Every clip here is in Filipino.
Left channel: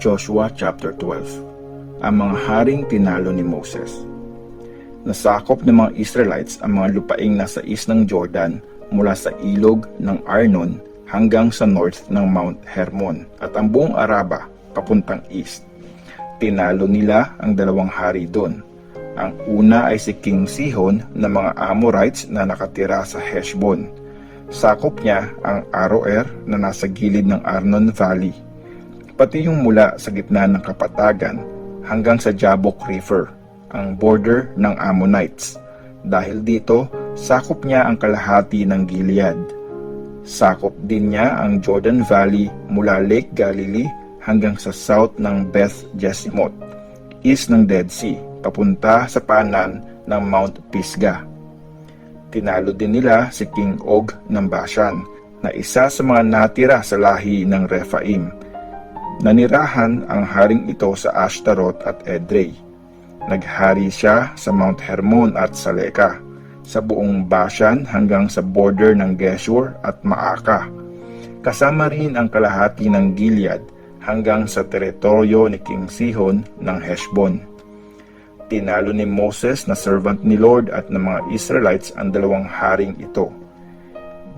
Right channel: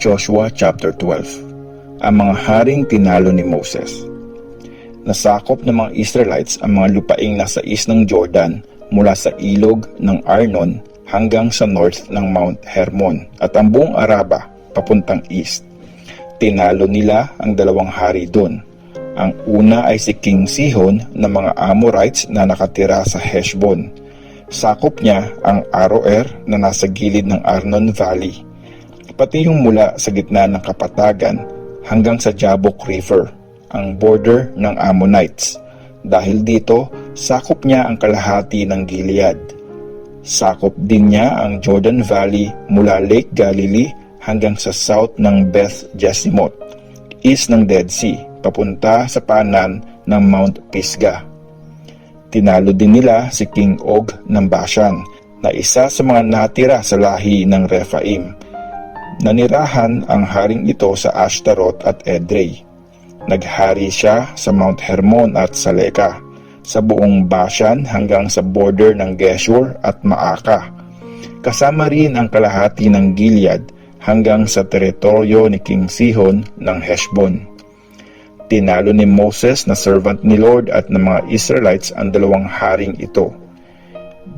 Joshua chapter 12. Ang mga haring tinalo ni Moses. Nasakop ng mga Israelites ang mga lupaing nasa east ng Jordan mula sa ilog ng Arnon hanggang sa north ng Mount Hermon at ang buong Araba papuntang east. Tinalo nila ang dalawang hari doon. Ang una ay si King Sihon ng mga Amorites na nakatira sa Heshbon. Sakop niya ang Aroer na nasa gilid ng Arnon Valley, pati yung mula sa gitna ng kapatagan hanggang sa Jabbok River, ang border ng Ammonites. Dahil dito, sakop niya ang kalahati ng Gilead. Sakop din niya ang Jordan Valley mula Lake Galilee hanggang sa south ng Beth Jeshimoth, east ng Dead Sea, papunta sa paanan ng Mount Pisgah. Tinalo din nila si King Og ng Bashan, na isa sa mga natira sa lahi ng Rephaim. Nanirahan ang haring ito sa Ashtaroth at Edrei. Naghari siya sa Mount Hermon at Saleka, sa buong Bashan hanggang sa border ng Geshur at Maaka. Kasama rin ang kalahati ng Gilead hanggang sa teritoryo ni King Sihon ng Heshbon. Tinalo ni Moses na servant ni Lord at ng mga Israelites ang dalawang haring ito.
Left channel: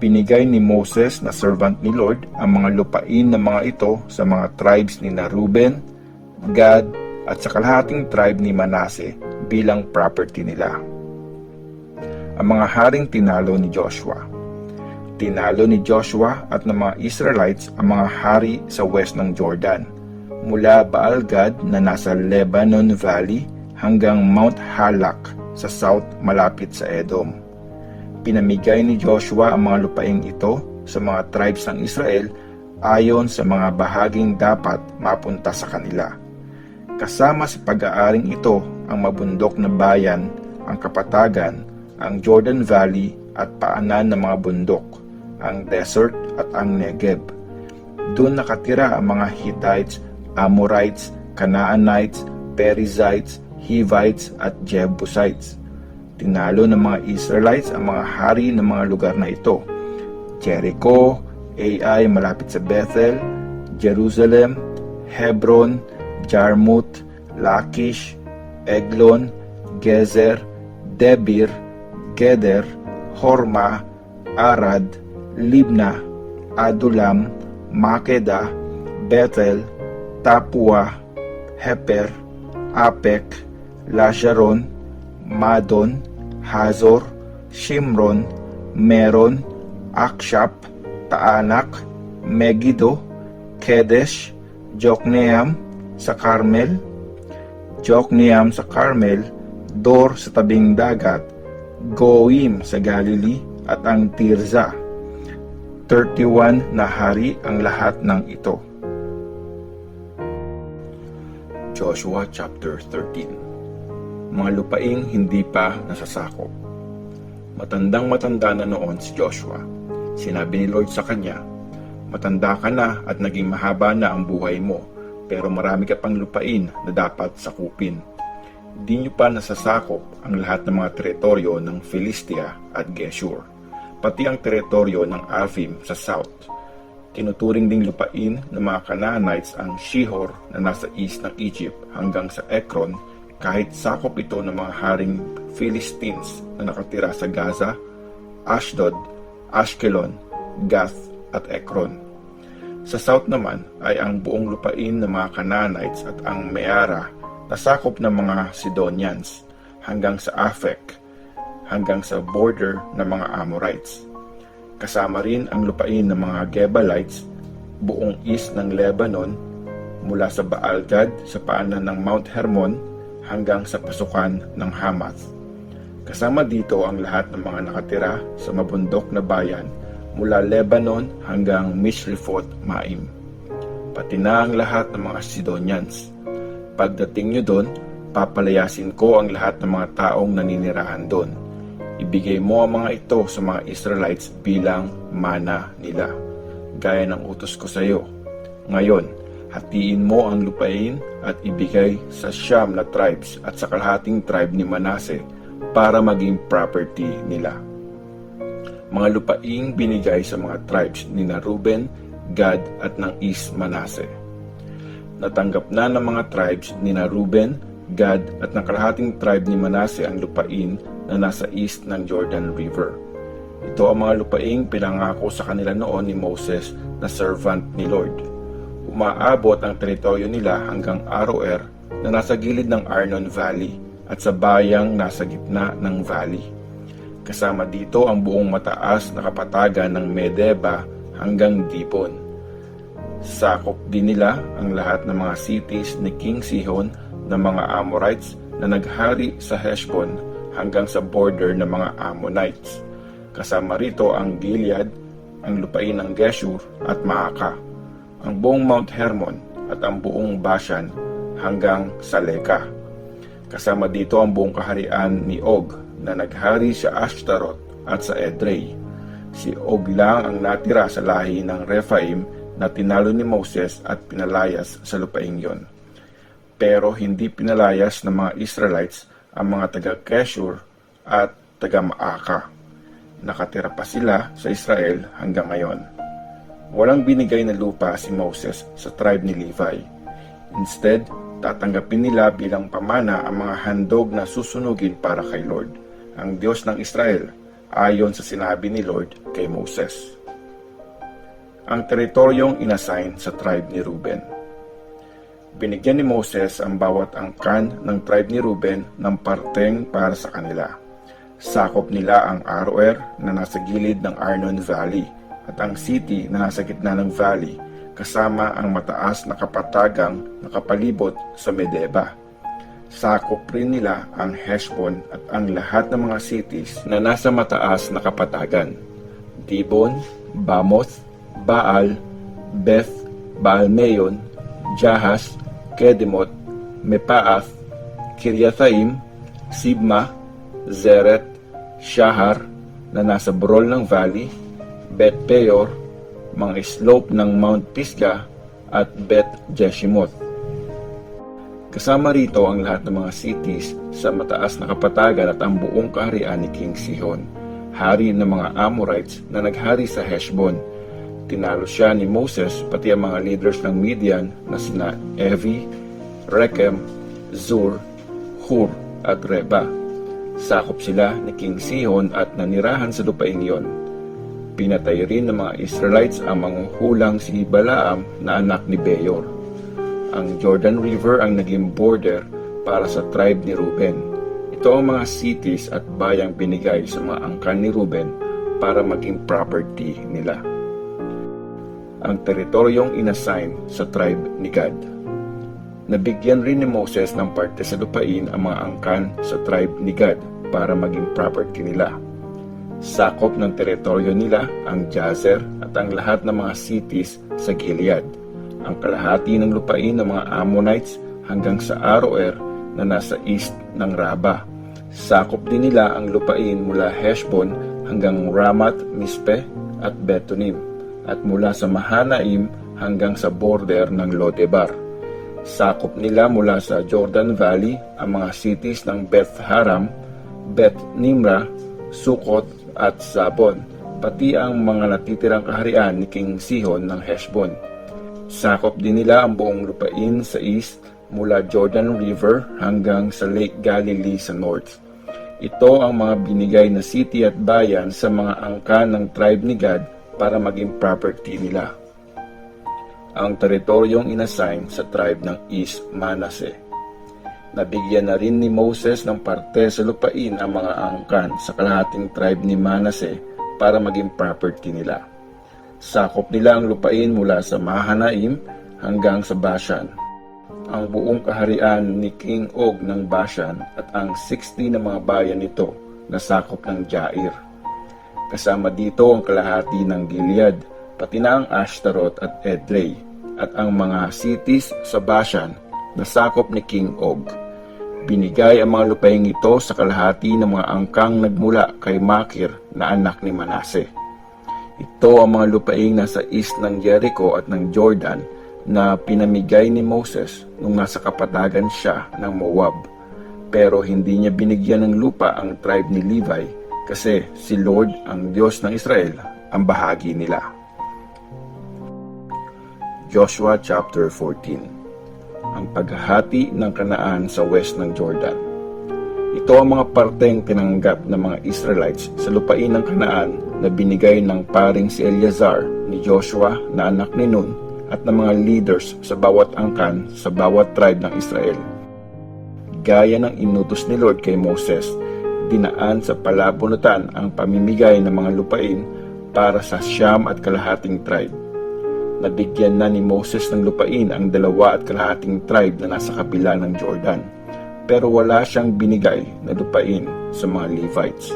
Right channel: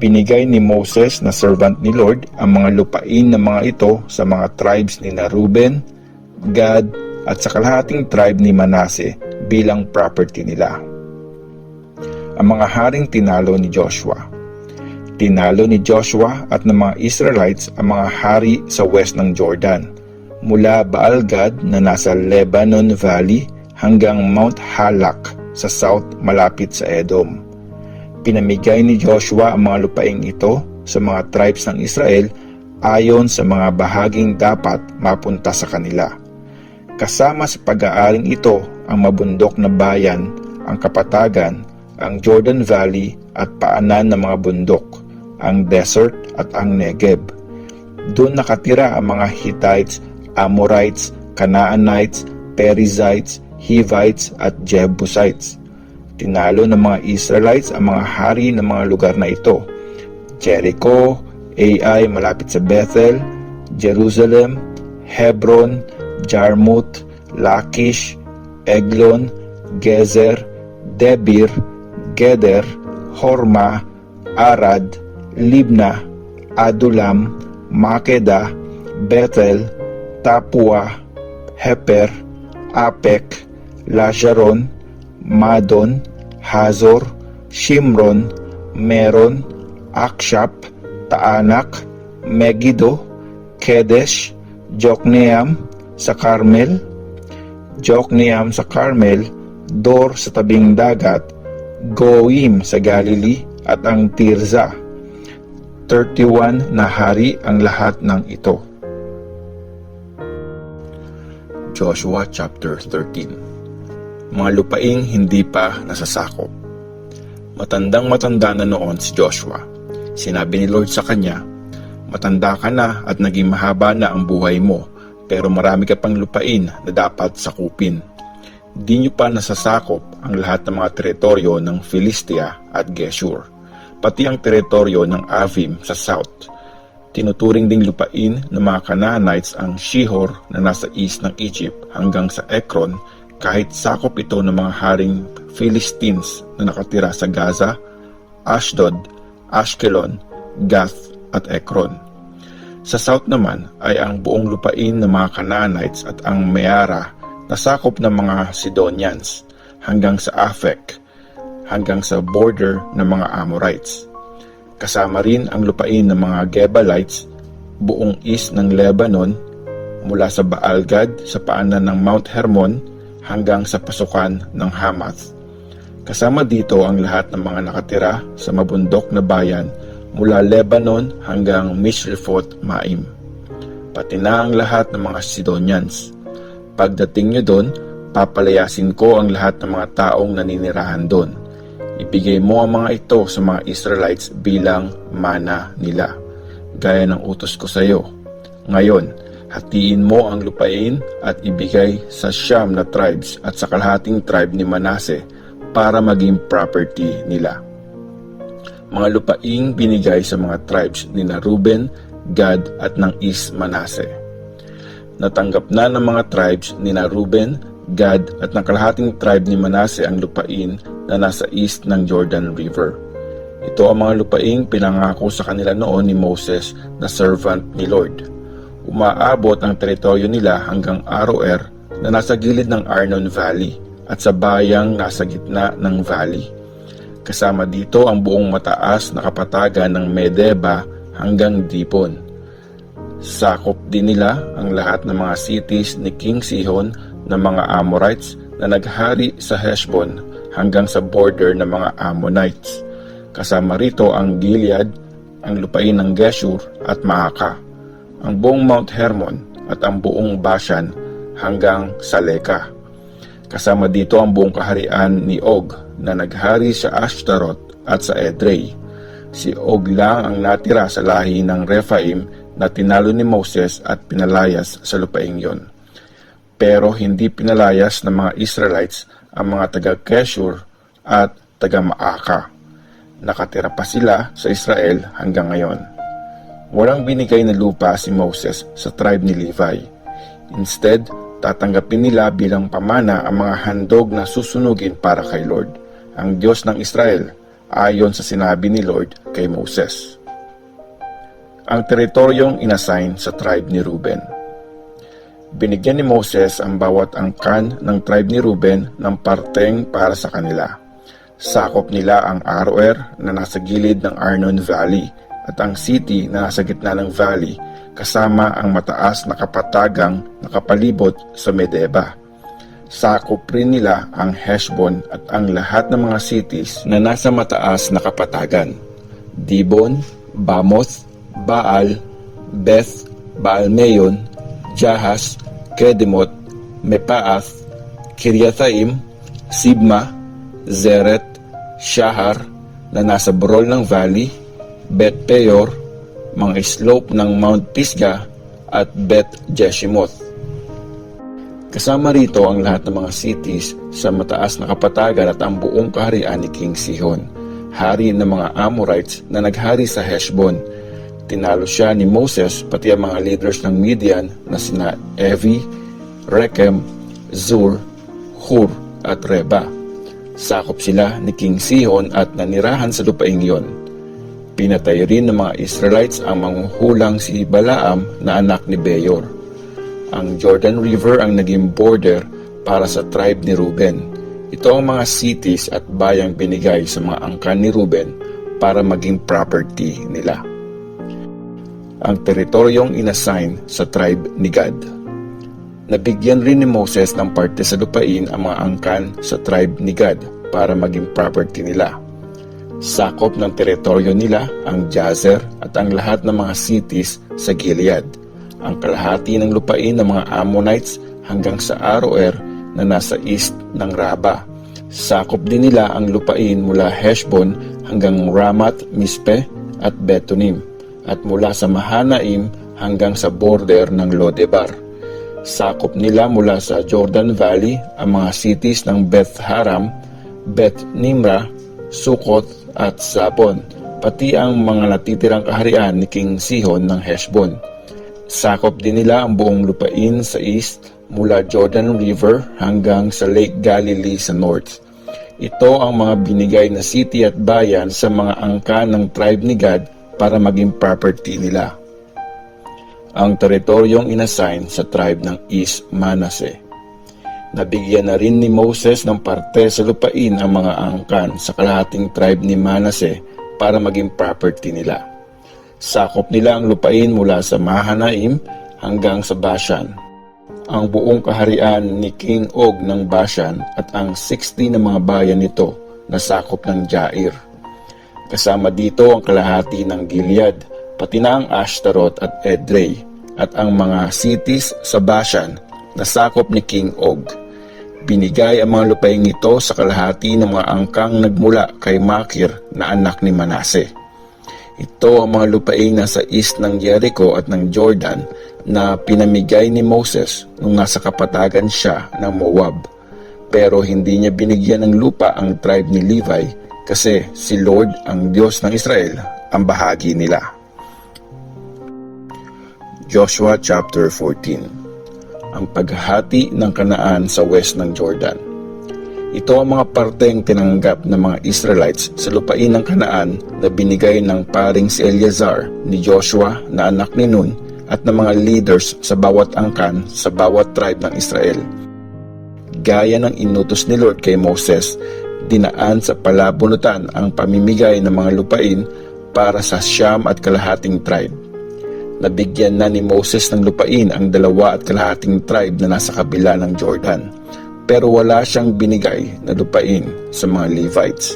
Binigay ni Moses na servant ni Lord ang mga lupain ng mga ito sa mga tribes ni Reuben, Gad at sa kalahating tribe ni Manase bilang property nila. Ang mga haring tinalo ni Joshua. Tinalo ni Joshua at ng mga Israelites ang mga hari sa west ng Jordan, mula Baal-Gad na nasa Lebanon Valley hanggang Mount Halak sa south malapit sa Edom. Pinamigay ni Joshua ang mga lupaing ito sa mga tribes ng Israel ayon sa mga bahaging dapat mapunta sa kanila. Kasama sa pag-aaring ito ang mabundok na bayan, ang kapatagan, ang Jordan Valley at paanan ng mga bundok, ang desert at ang Negev. Doon nakatira ang mga Hittites, Amorites, Canaanites, Perizzites, Hivites at Jebusites. Tinalo ng mga Israelites ang mga hari ng mga lugar na ito: Jericho, Ai malapit sa Bethel, Jerusalem, Hebron, Jarmuth, Lachish, Eglon, Gezer, Debir, Geder, Horma, Arad, Libna, Adulam, Makeda, Bethel, Tapua, Heper, Apek, Lasharon, Madon, Hazor, Shimron, Meron, Akshap, Taanak, Megiddo, Kedesh, Jokneam sa Carmel, Jokneam sa Carmel, Dor sa tabing dagat, Goim sa Galilee at ang Tirza. 31 na hari ang lahat ng ito. Joshua chapter 13. Mga lupaing hindi pa nasasakop. Matandang-matanda na noon si Joshua. Sinabi ni Lord sa kanya, "Matanda ka na at naging mahaba na ang buhay mo, pero marami ka pang lupain na dapat sakupin. Di niyo pa nasasakop ang lahat ng mga teritoryo ng Philistia at Geshur, pati ang teritoryo ng Avim sa south. Tinuturing ding lupain ng mga Canaanites ang Shihor na nasa east ng Egypt hanggang sa Ekron, kahit sakop ito ng mga haring Philistines na nakatira sa Gaza, Ashdod, Ashkelon, Gath at Ekron. Sa south naman ay ang buong lupain ng mga Canaanites at ang Meara na sakop ng mga Sidonians hanggang sa Afek, hanggang sa border ng mga Amorites. Kasama rin ang lupain ng mga Gebalites, buong east ng Lebanon, mula sa Baal-Gad sa paanan ng Mount Hermon hanggang sa pasukan ng Hamath. Kasama dito ang lahat ng mga nakatira sa mabundok na bayan mula Lebanon hanggang Misrephoth-Maim, pati na ang lahat ng mga Sidonians. Pagdating nyo doon, papalayasin ko ang lahat ng mga taong naninirahan doon. Ibigay mo ang mga ito sa mga Israelites bilang mana nila, gaya ng utos ko sa iyo. Ngayon, Hatiin mo ang lupain at ibigay sa Siyam na tribes at sa kalahating tribe ni Manase para maging property nila. Mga lupaing binigay sa mga tribes ni Reuben, Gad at ng East Manase. Natanggap na ng mga tribes ni Reuben, Gad at ng kalahating tribe ni Manase ang lupain na nasa east ng Jordan River. Ito ang mga lupaing pinangako sa kanila noon ni Moses na servant ni Lord. Umaabot ang teritoryo nila hanggang Aroer na nasa gilid ng Arnon Valley at sa bayang nasa gitna ng valley. Kasama dito ang buong mataas na kapatagan ng Medeba hanggang Dibon. Sakop din nila ang lahat ng mga cities ni King Sihon na mga Amorites na naghari sa Heshbon hanggang sa border ng mga Ammonites. Kasama rito ang Gilead, ang lupain ng Geshur at Maaka, ang buong Mount Hermon at ang buong Bashan hanggang sa Leka. Kasama dito ang buong kaharian ni Og na naghari sa Ashtaroth at sa Edrei. Si Og lang ang natira sa lahi ng Rephaim na tinalo ni Moses at pinalayas sa lupaing yon. Pero hindi pinalayas ng mga Israelites ang mga taga-Geshur at taga-Maaka. Nakatira pa sila sa Israel hanggang ngayon. Walang binigay na lupa si Moses sa tribe ni Levi. Instead, tatanggapin nila bilang pamana ang mga handog na susunugin para kay Lord, ang Diyos ng Israel, ayon sa sinabi ni Lord kay Moses. Ang teritoryong inassign sa tribe ni Reuben. Binigyan ni Moses ang bawat angkan ng tribe ni Reuben ng parteng para sa kanila. Sakop nila ang Aroer na nasa gilid ng Arnon Valley at ang city na nasa gitna ng valley kasama ang mataas na kapatagang nakapalibot sa Medeba. Sakop rin nila ang Heshbon at ang lahat ng mga cities na nasa mataas na kapatagan. Dibon, Bamoth, Baal, Beth, Baalmeyon, Jahas, Kedemot, Mepaath, Kiriathaim, Sibma, Zeret, Shahar na nasa burol ng valley, Bet Peor, mga slope ng Mount Pisgah at Bet Jeshimoth. Kasama rito ang lahat ng mga cities sa mataas na kapatagan at ang buong kaharian ni King Sihon, hari ng mga Amorites na naghari sa Heshbon. Tinalo siya ni Moses pati ang mga leaders ng Midian na sina Evi, Rekem, Zur, Hur at Reba. Sakop sila ni King Sihon at nanirahan sa lupaing iyon. Pinatay rin ng mga Israelites ang manghuhulang si Balaam na anak ni Beor. Ang Jordan River ang naging border para sa tribe ni Reuben. Ito ang mga cities at bayang binigay sa mga angkan ni Reuben para maging property nila. Ang teritoryong inassign sa tribe ni Gad. Nabigyan rin ni Moses ng parte sa lupain ang mga angkan sa tribe ni Gad para maging property nila. Sakop ng teritoryo nila ang Jazer at ang lahat ng mga cities sa Gilead, ang kalahati ng lupain ng mga Ammonites hanggang sa Aroer na nasa east ng Raba. Sakop din nila ang lupain mula Heshbon hanggang Ramat, Mispe at Betonim at mula sa Mahanaim hanggang sa border ng Lodebar. Sakop nila mula sa Jordan Valley ang mga cities ng Beth Haram, Beth Nimra, Sukot at Zabon, pati ang mga natitirang kaharian ni King Sihon ng Heshbon. Sakop din nila ang buong lupain sa east mula Jordan River hanggang sa Lake Galilee sa north. Ito ang mga binigay na city at bayan sa mga angkan ng tribe ni Gad para maging property nila. Ang teritoryong inassign sa tribe ng East Manase. Nabigyan na rin ni Moses ng parte sa lupain ang mga angkan sa kalahating tribe ni Manase para maging property nila. Sakop nila ang lupain mula sa Mahanaim hanggang sa Bashan, ang buong kaharian ni King Og ng Bashan at ang 60 na mga bayan nito na sakop ng Jair. Kasama dito ang kalahati ng Gilead, pati na ang Ashtaroth at Edrei, at ang mga cities sa Bashan na sakop ni King Og. Binigay ang mga lupaing ito sa kalahati ng mga angkang nagmula kay Makir na anak ni Manase. Ito ang mga lupaing nasa east ng Jericho at ng Jordan na pinamigay ni Moses nung nasa kapatagan siya ng Moab. Pero hindi niya binigyan ng lupa ang tribe ni Levi kasi si Lord, ang Diyos ng Israel, ang bahagi nila. Joshua chapter 14. Ang paghahati ng Kanaan sa west ng Jordan. Ito ang mga parteng tinanggap ng mga Israelites sa lupain ng Kanaan na binigay ng paring si Eleazar ni Joshua na anak ni Nun at ng mga leaders sa bawat angkan sa bawat tribe ng Israel. Gaya ng inutos ni Lord kay Moses, dinaan sa palabunutan ang pamimigay ng mga lupain para sa 9 tribe. Nabigyan na ni Moses ng lupain ang 2 tribe na nasa kabila ng Jordan, pero wala siyang binigay na lupain sa mga Levites.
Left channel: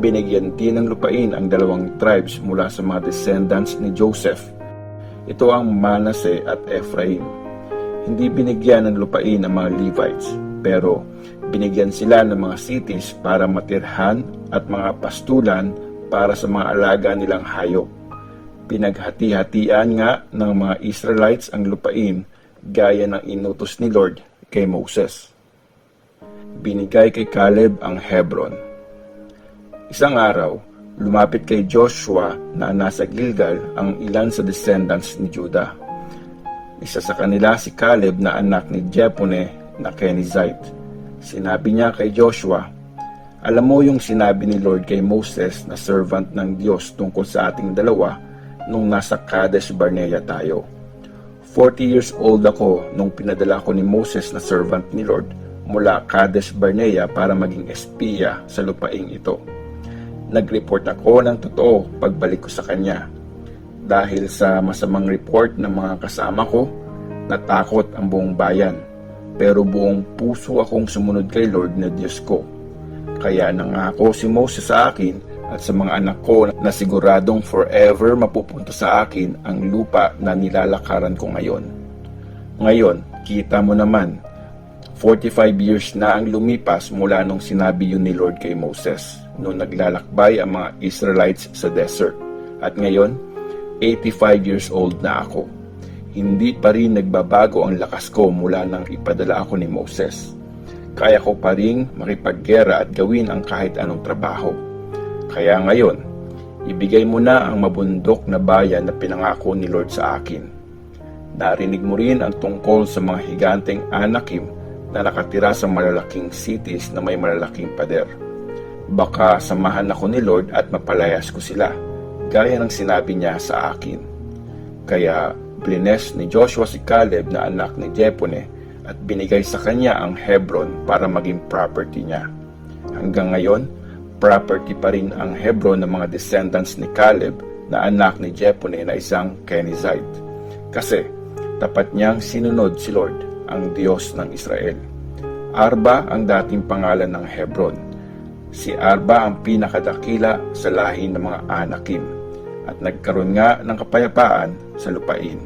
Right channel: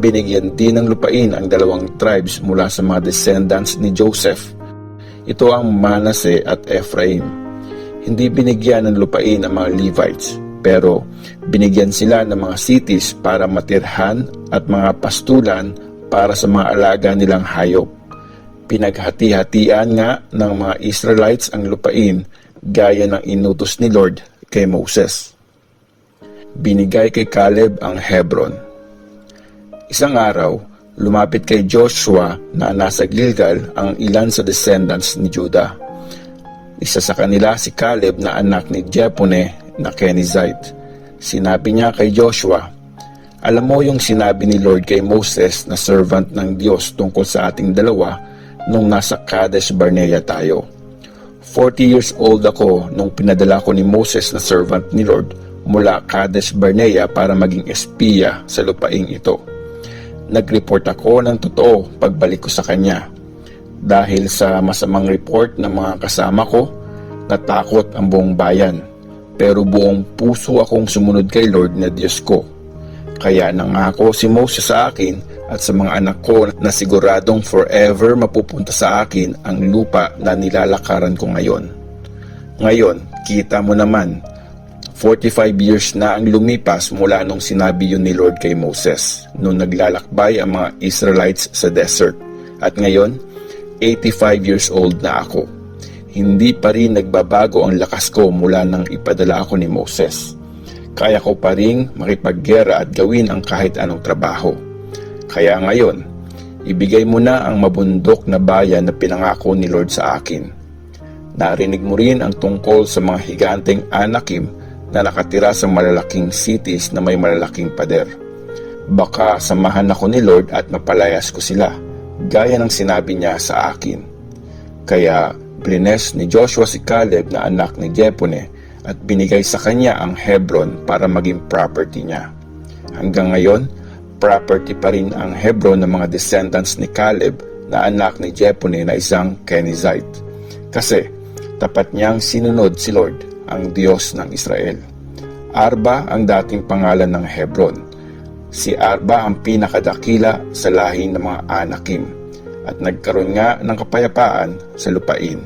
Binigyan din ng lupain ang 2 tribes mula sa mga descendants ni Joseph. Ito ang Manase at Ephraim. Hindi binigyan ng lupain ang mga Levites, pero binigyan sila ng mga cities para matirhan at mga pastulan para sa mga alaga nilang hayop. Pinaghati-hatian nga ng mga Israelites ang lupain gaya ng inutos ni Lord kay Moses. Binigay kay Caleb ang Hebron. Isang araw, lumapit kay Joshua na nasa Gilgal ang ilan sa descendants ni Judah. Isa sa kanila si Caleb na anak ni Jephunneh na Kenizzite. Sinabi niya kay Joshua, "Alam mo yung sinabi ni Lord kay Moses na servant ng Diyos tungkol sa ating dalawa nung nasa Kadesh Barnea tayo. 40 years old ako nung pinadala ko ni Moses na servant ni Lord mula Kadesh Barnea para maging espiya sa lupaing ito. Nag-report ako ng totoo pagbalik ko sa kanya. Dahil sa masamang report ng mga kasama ko, natakot ang buong bayan. Pero buong puso akong sumunod kay Lord na Diyos ko. Kaya nangako si Moses sa akin at sa mga anak ko na siguradong forever mapupunta sa akin ang lupa na nilalakaran ko ngayon. Ngayon, kita mo naman, 45 years na ang lumipas mula nung sinabi yun ni Lord kay Moses, nung naglalakbay ang mga Israelites sa desert. At ngayon, 85 years old na ako. Hindi pa rin nagbabago ang lakas ko mula nang ipadala ako ni Moses. Kaya ko pa rin makipaggera at gawin ang kahit anong trabaho. Kaya ngayon, ibigay mo na ang mabundok na bayan na pinangako ni Lord sa akin. Narinig mo rin ang tungkol sa mga higanteng Anakim na nakatira sa malalaking cities na may malalaking pader. Baka samahan ako ni Lord at mapalayas ko sila, gaya ng sinabi niya sa akin." Kaya blines ni Joshua si Caleb na anak ni Jephunneh at binigay sa kanya ang Hebron para maging property niya. Hanggang ngayon, property pa rin ang Hebron ng mga descendants ni Caleb na anak ni Jephunneh na isang Kenizzite. Kasi tapat niyang sinunod si Lord, ang Diyos ng Israel. Arba ang dating pangalan ng Hebron. Si Arba ang pinakadakila sa lahi ng mga Anakim at nagkaroon nga ng kapayapaan sa lupain.